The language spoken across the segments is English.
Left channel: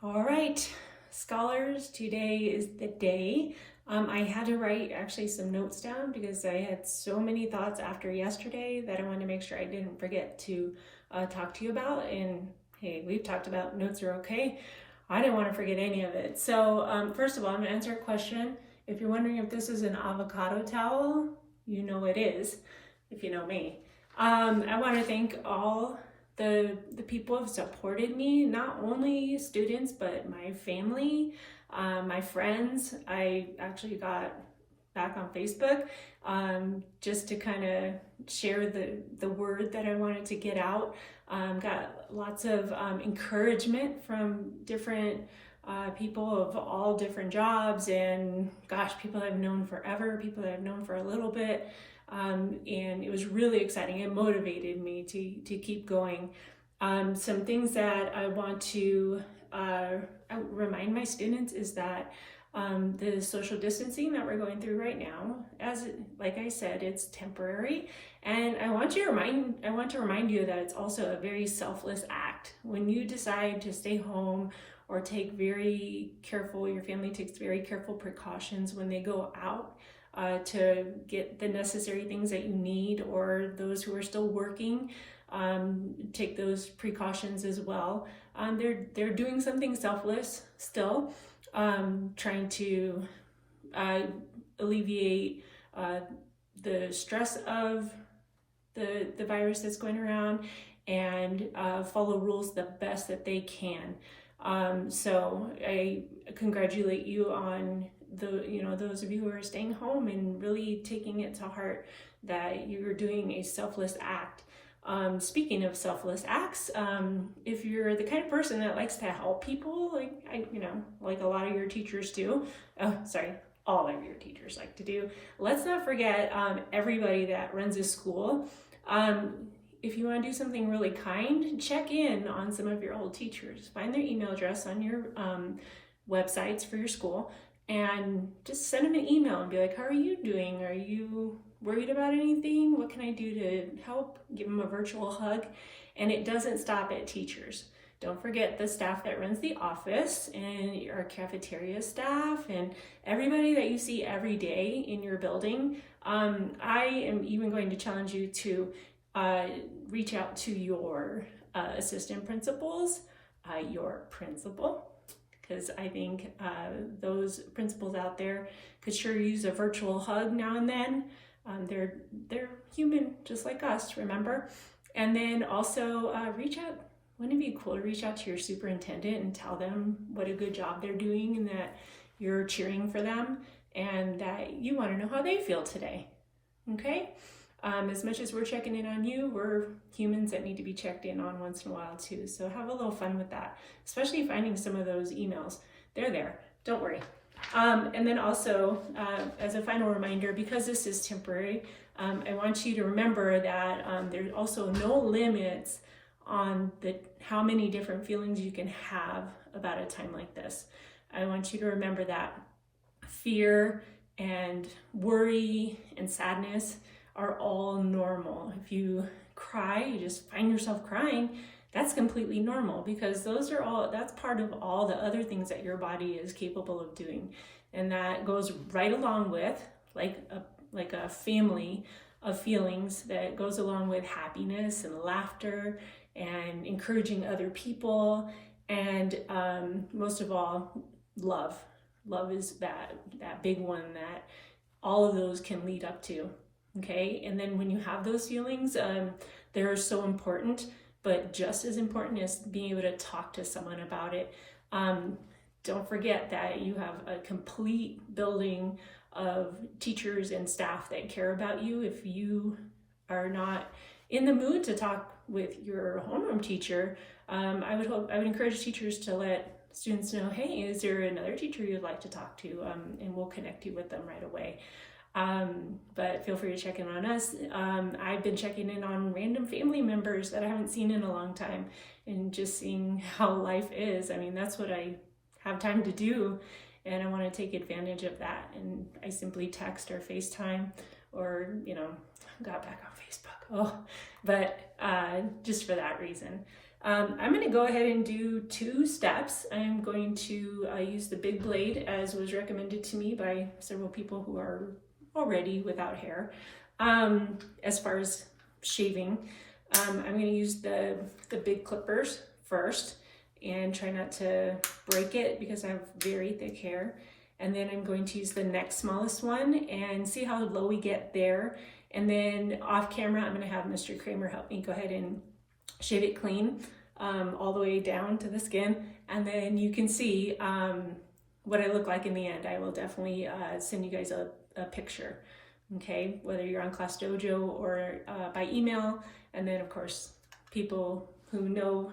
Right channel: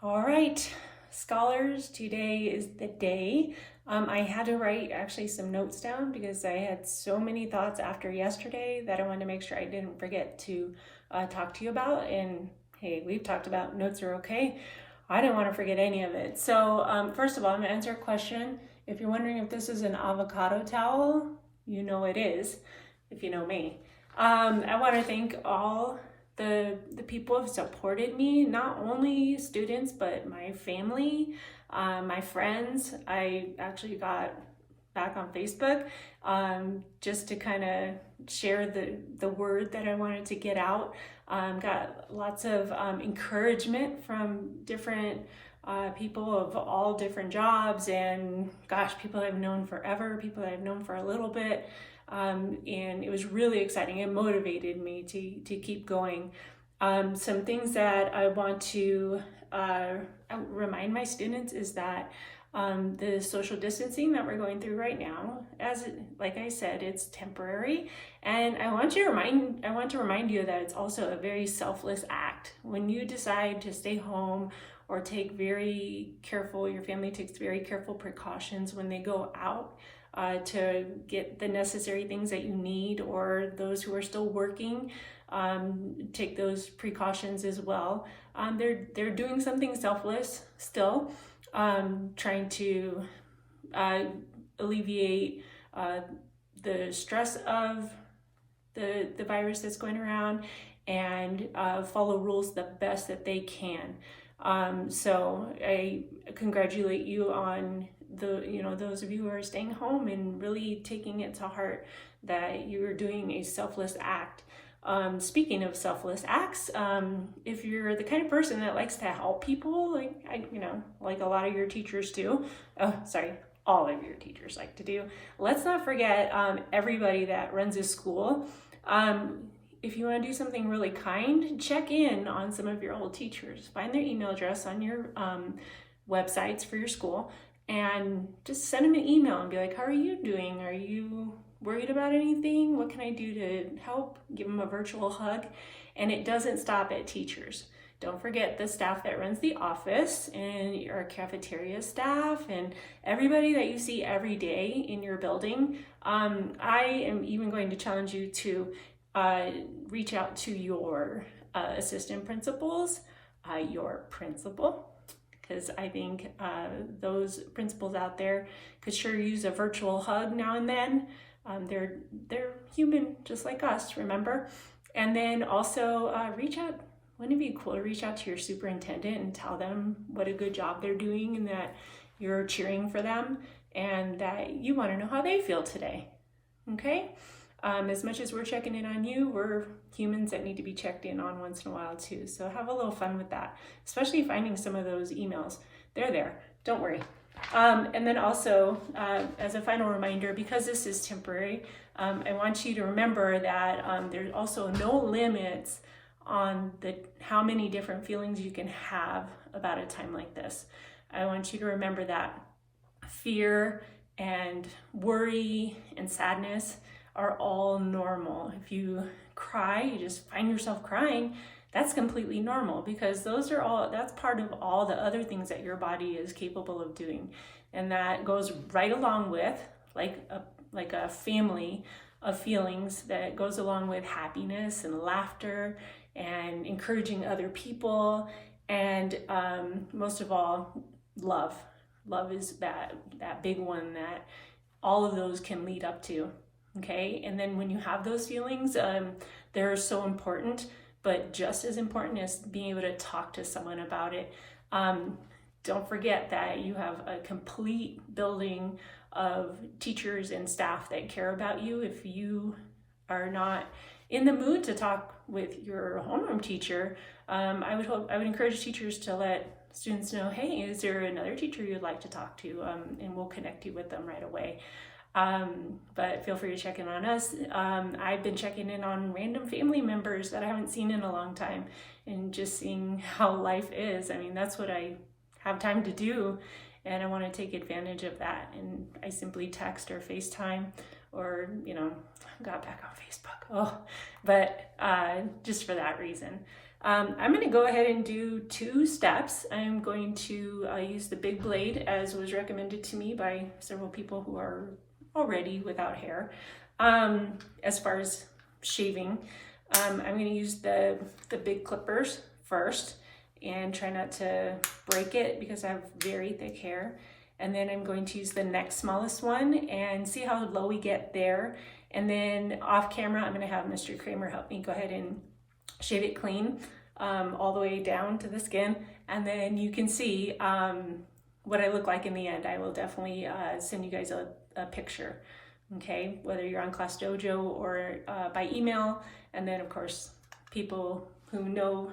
All right, scholars, today is the day. I had to write actually some notes down because I had so many thoughts after yesterday that I wanted to make sure I didn't forget to talk to you about. And hey, we've talked about notes are okay. I didn't want to forget any of it. So first of all, I'm going to answer a question. If you're wondering if this is an avocado towel, you know it is, if you know me. I want to thank all the people have supported me, not only students, but my family, my friends. I actually got back on Facebook just to kind of share the word that I wanted to get out. Got lots of encouragement from different people of all different jobs, and gosh, people I've known forever, people that I've known for a little bit. And it was really exciting. It motivated me to keep going. Some things that I want to remind my students is that the social distancing that we're going through right now, like I said, it's temporary, and I want to remind you that it's also a very selfless act. When you decide to stay home or your family takes very careful precautions when they go out to get the necessary things that you need, or those who are still working take those precautions as well. They're doing something selfless still, trying to alleviate the stress of the virus that's going around, and follow rules the best that they can. So I congratulate you on those of you who are staying home and really taking it to heart that you're doing a selfless act. Speaking of selfless acts, if you're the kind of person that likes to help people, like a lot of your teachers do, all of your teachers like to do, let's not forget everybody that runs a school. If you want to do something really kind, check in on some of your old teachers. Find their email address on your websites for your school, and just send them an email and be like, how are you doing? Are you worried about anything? What can I do to help? Give them a virtual hug. And it doesn't stop at teachers. Don't forget the staff that runs the office, and our cafeteria staff, and everybody that you see every day in your building. I am even going to challenge you to reach out to your assistant principals, your principal, because I think those principals out there could sure use a virtual hug now and then. They're human just like us, remember? And then also wouldn't it be cool to reach out to your superintendent and tell them what a good job they're doing, and that you're cheering for them, and that you want to know how they feel today, okay? As much as we're checking in on you, we're humans that need to be checked in on once in a while too. So have a little fun with that, especially finding some of those emails. They're there, don't worry. And then also, as a final reminder, because this is temporary, I want you to remember that there's also no limits on how many different feelings you can have about a time like this. I want you to remember that fear and worry and sadness are all normal. If you cry, you just find yourself crying, that's completely normal, because that's part of all the other things that your body is capable of doing. And that goes right along with like a family of feelings that goes along with happiness and laughter and encouraging other people, and most of all, love. Love is that big one that all of those can lead up to. Okay, and then when you have those feelings, they're so important, but just as important is being able to talk to someone about it. Don't forget that you have a complete building of teachers and staff that care about you. If you are not in the mood to talk with your homeroom teacher, I would encourage teachers to let students know, hey, is there another teacher you'd like to talk to? And we'll connect you with them right away. But feel free to check in on us. I've been checking in on random family members that I haven't seen in a long time, and just seeing how life is. I mean, that's what I have time to do, and I want to take advantage of that. And I simply text or FaceTime, or, got back on Facebook. But just for that reason. I'm going to go ahead and do 2 steps. I'm going to use the big blade as was recommended to me by several people who are already without hair. As far as shaving, I'm going to use the big clippers first and try not to break it because I have very thick hair. And then I'm going to use the next smallest one and see how low we get there. And then off camera, I'm going to have Mr. Kramer help me go ahead and shave it clean all the way down to the skin. And then you can see what I look like in the end. I will definitely send you guys a picture, okay? Whether you're on Class Dojo or by email. And then of course, people who know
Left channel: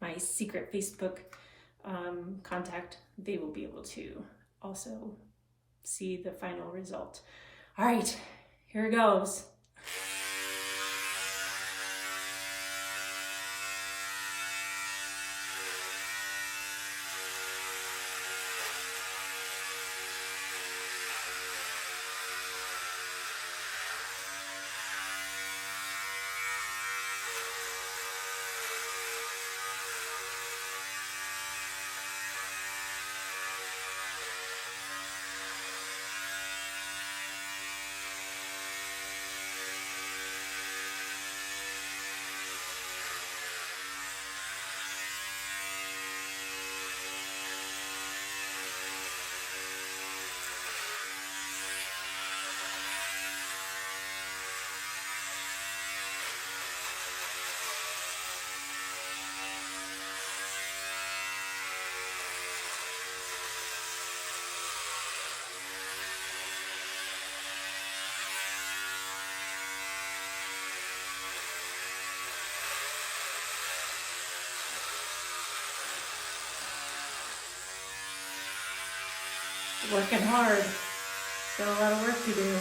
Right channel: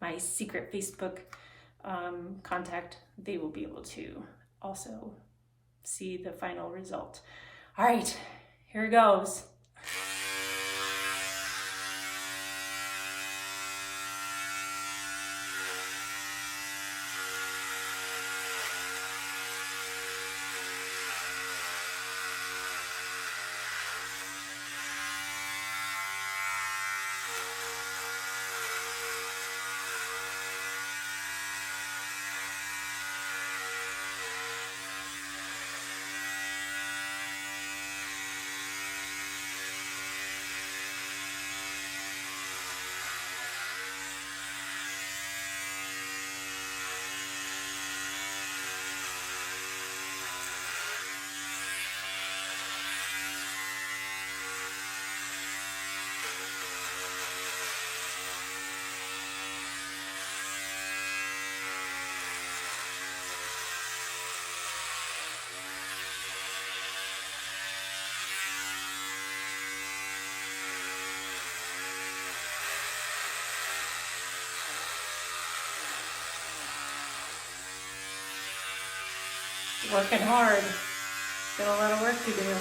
my secret Facebook contact, they will be able to also see the final result. All right, here it goes. Working hard. Still a lot of work to do.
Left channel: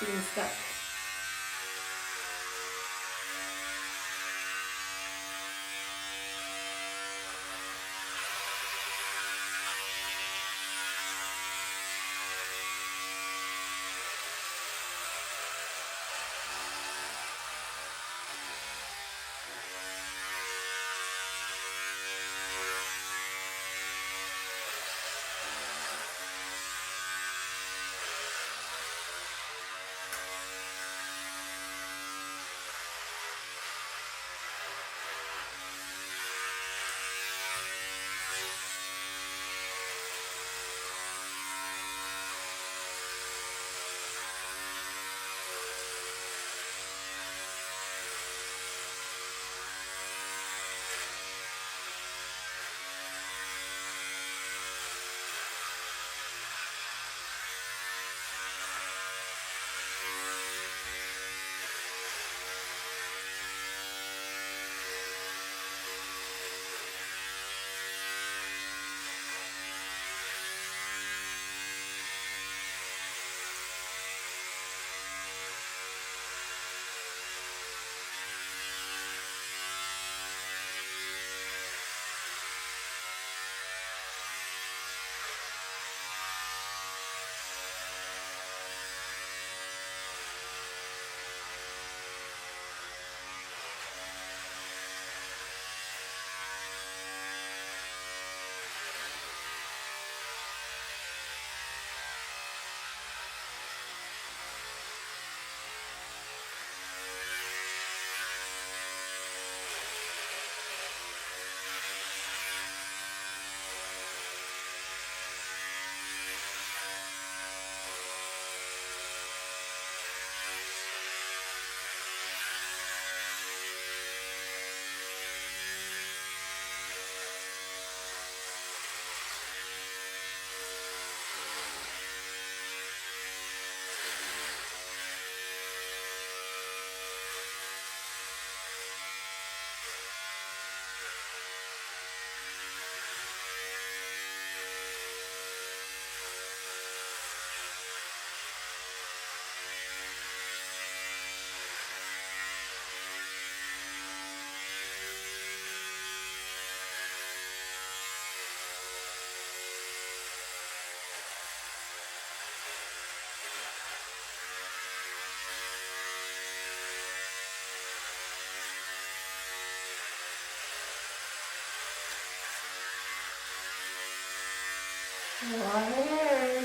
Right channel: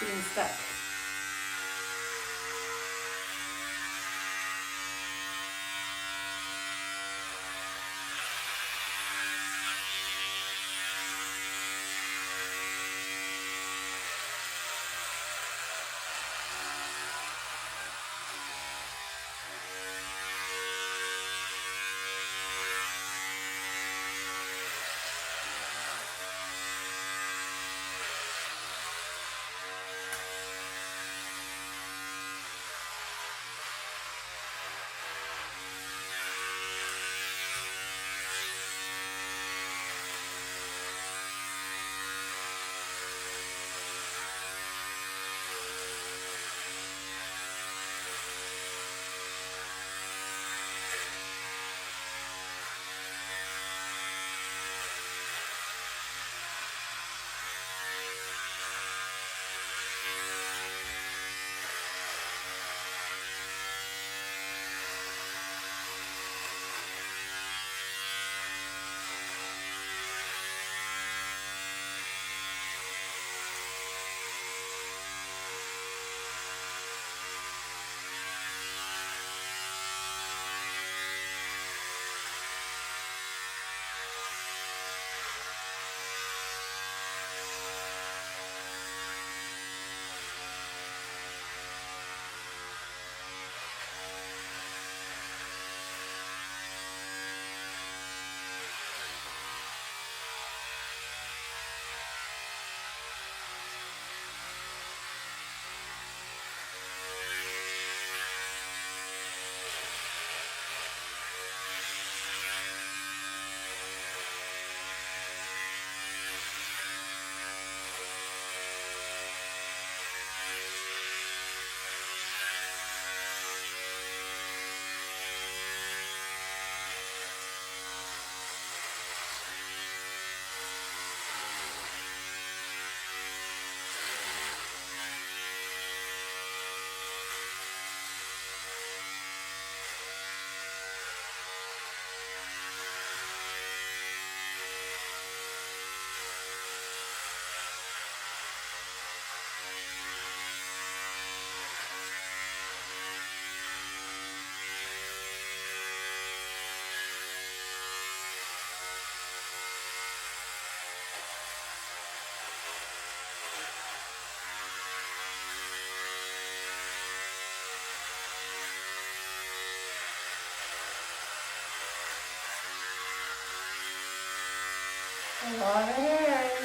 Getting stuck. A lot of hair.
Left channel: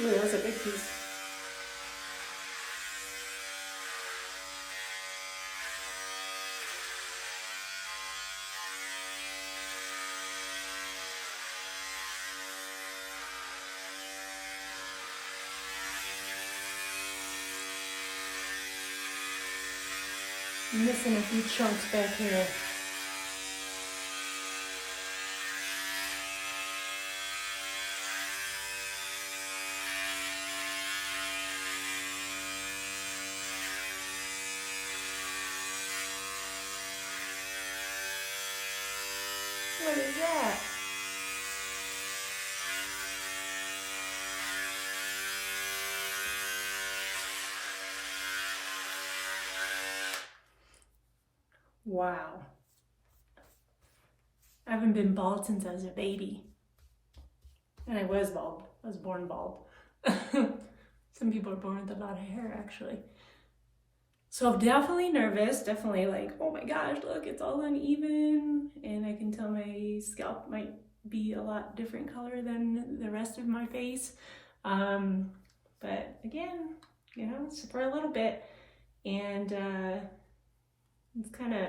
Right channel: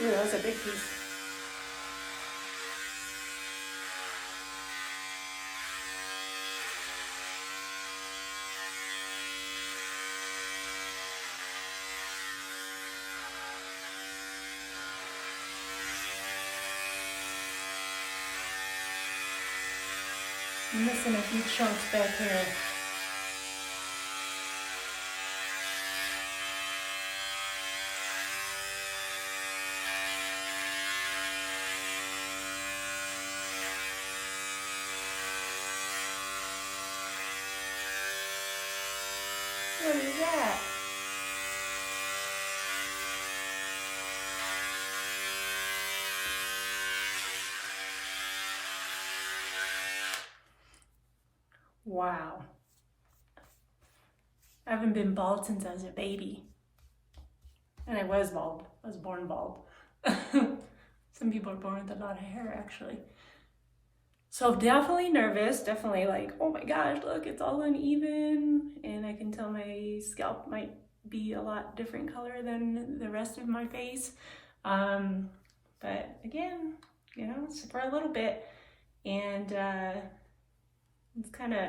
Ooh, that was a big piece. I'm missing a few chunks back here. What is that? Wow. I haven't been bald since I was a baby. And I was bald. I was born bald. Some people are born with a lot of hair, actually. So I'm definitely nervous. Definitely like, oh my gosh, look, it's all uneven. And I can tell my scalp might be a lot different color than the rest of my face. But again, you know, it's for a little bit. And it's kind of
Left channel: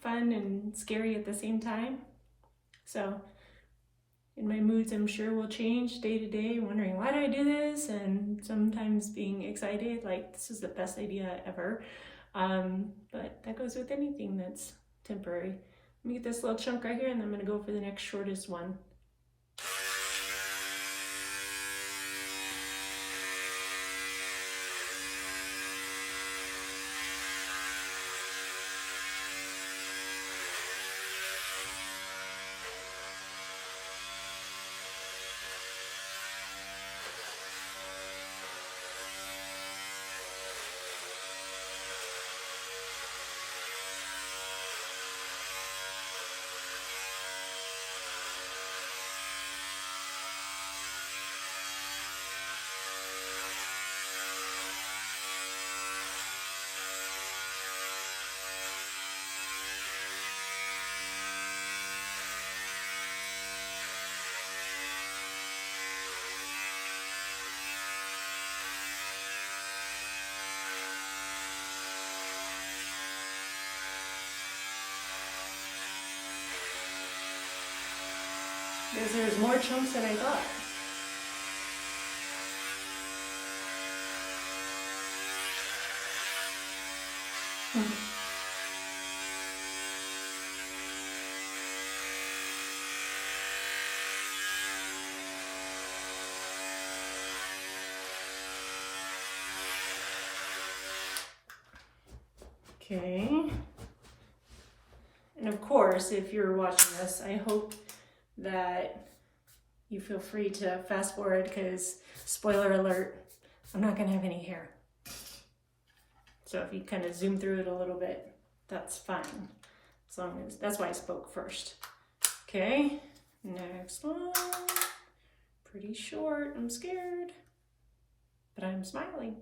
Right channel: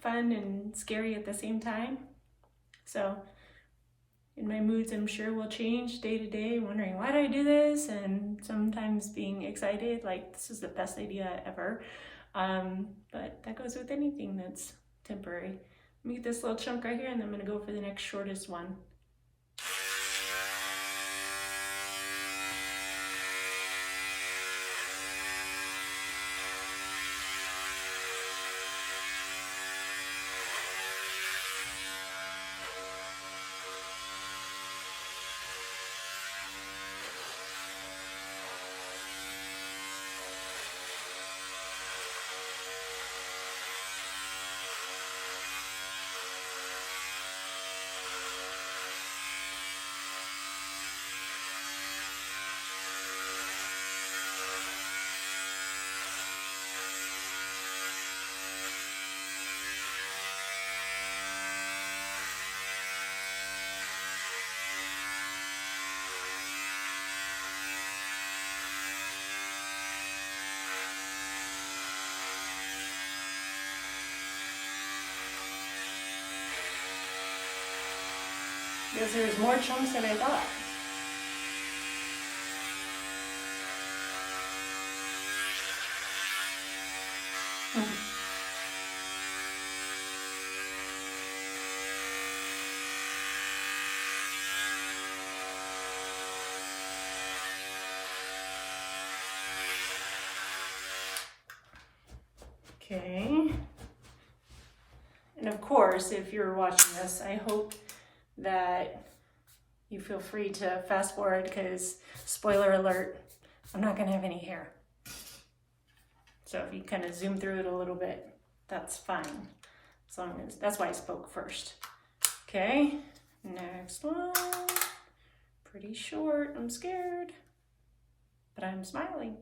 fun and scary at the same time. So in my moods, I'm sure will change day to day, wondering why did I do this, and sometimes being excited, like this is the best idea ever. But that goes with anything that's temporary. Let me get this little chunk right here, and then I'm gonna go for the next shortest one. Because there's more chunks than I thought. Okay. And of course, if you're watching this, I hope that you feel free to fast forward because, spoiler alert, I'm not gonna have any hair. So if you kind of zoom through it a little bit, that's fine. As long as, that's why I spoke first. Okay, next one. Pretty short, I'm scared, but I'm smiling.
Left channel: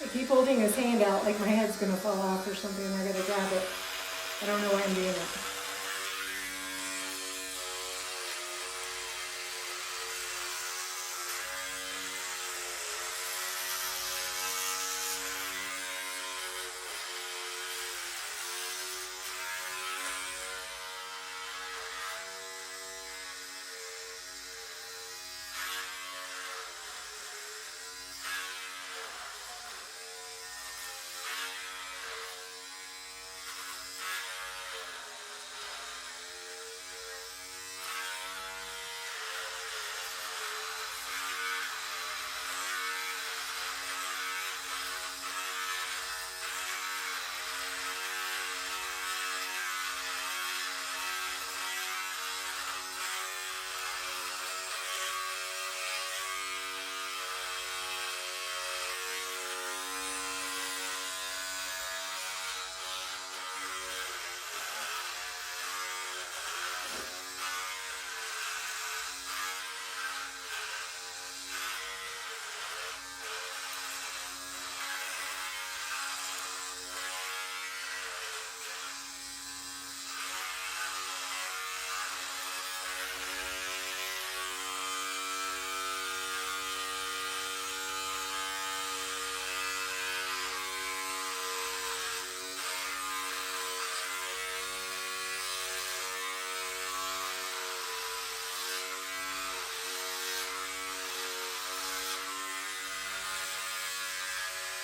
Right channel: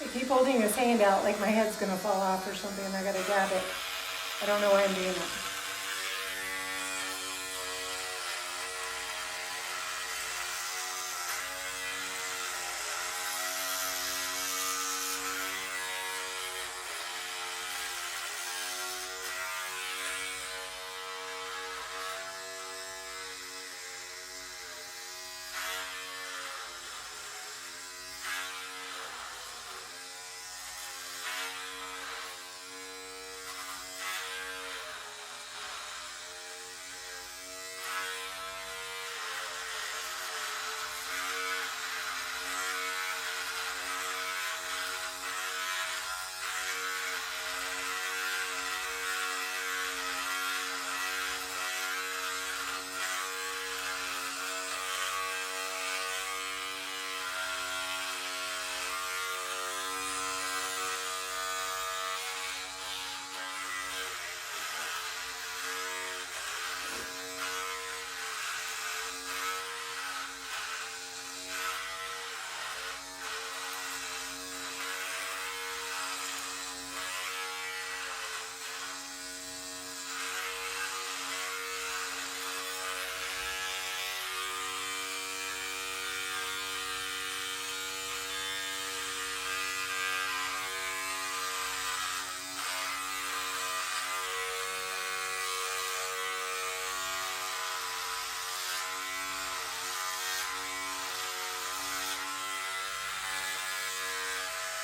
I keep holding his hand out like my head's gonna fall off or something and I gotta grab it. I don't know why I'm doing that.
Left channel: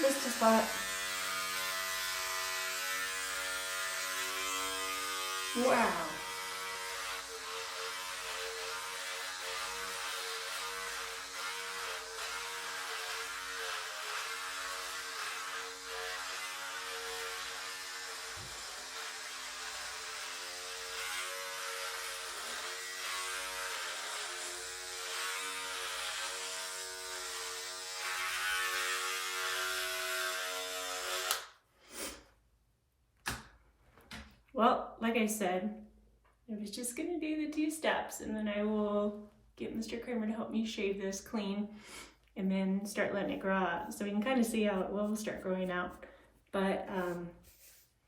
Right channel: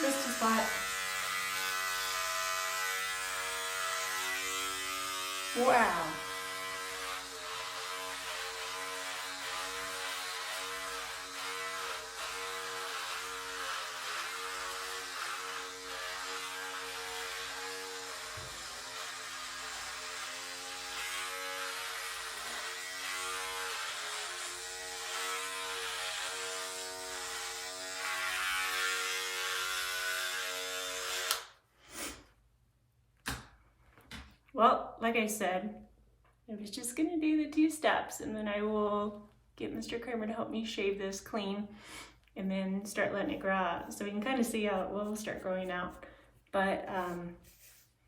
Just a thought. Wow. Well, like I said, I was just gonna do the 2 steps, and then I will get Mr. Kramer to help me shave this clean and then start letting it grow out. So we can kind of see how it will start growing out. But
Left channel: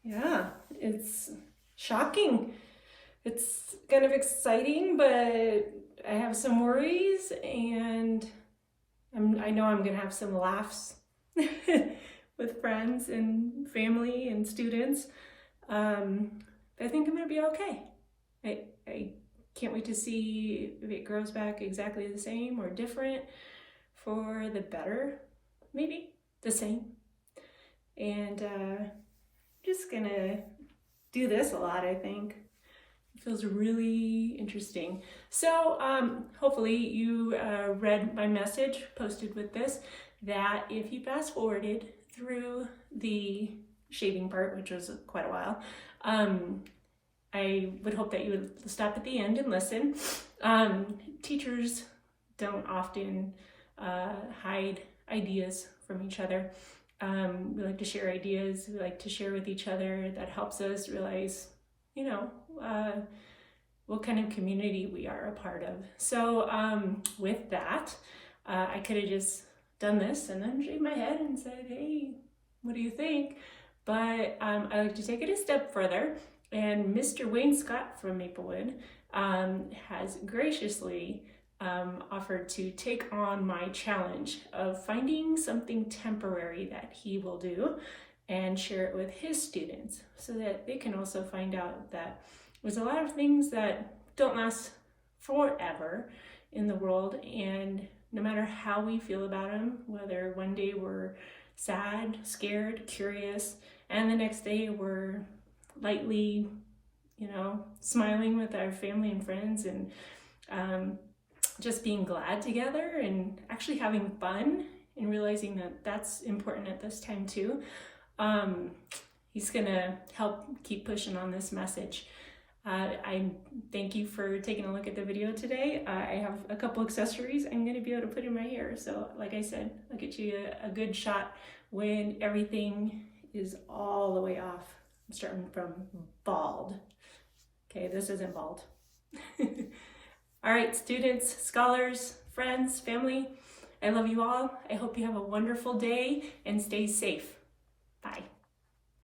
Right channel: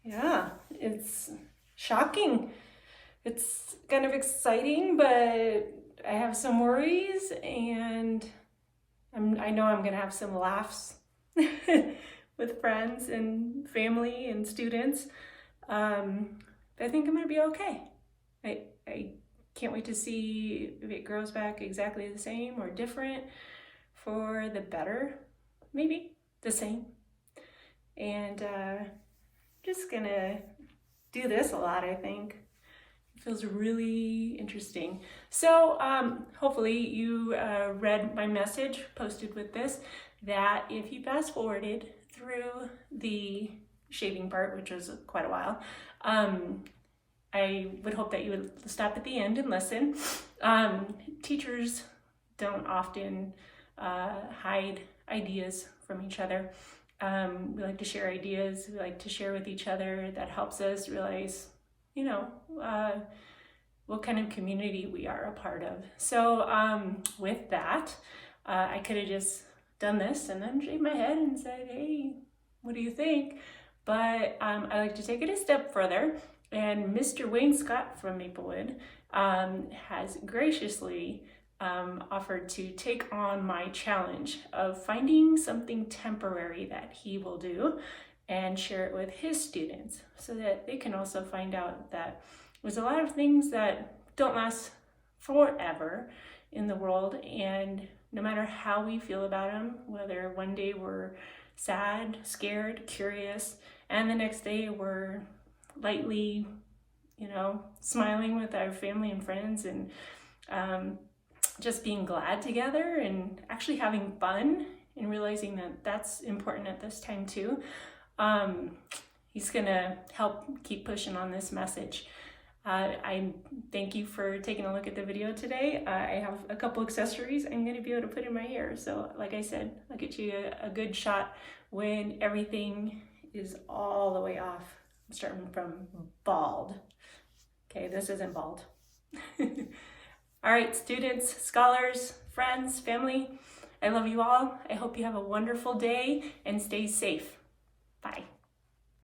yeah, it's shocking. It's kind of exciting, but I have some worries, and I know I'm gonna have some laughs with friends and family and students. I think I'm gonna be okay. I can't wait to see if it grows back exactly the same or different, for the better, maybe the same. And just gonna do this a lot, I think. It feels really interesting. So hopefully you read my message posted with this, that if you fast forwarded through the shaving part, which was quite a while, I would hope that you would stop at the end and listen. Teachers don't often hide ideas from each other. We like to share ideas. We like to share with each other. That helps us realize, you know, what kind of community we are a part of. So with that, I could have just done this and then shaved my head and said, hey, what do you think? But I like to take it a step further. And Mr. Wayne Scott from Maplewood has graciously offered to take on my challenge of finding something temporary that he will do and share it with his students, so that they can also find out that there's a lot of things that don't last forever in the world, and no matter how we feel about them, whether one day we're sad, scared, curious, and the next day we're lightly, you know, smiling with our family and friends, and just being glad together and actually having fun, and realizing that that's important at this time too. He's gonna help keep pushing on this message. I thank you for taking a look at the video today. I have a couple accessories I'm gonna be able to put in my hair. So like I said, I'll get you a good shot when everything is all the way off. I'm starting from bald. Okay, this isn't bald. All right, students, scholars, friends, family, I love you all. I hope you have a wonderful day and stay safe. Bye.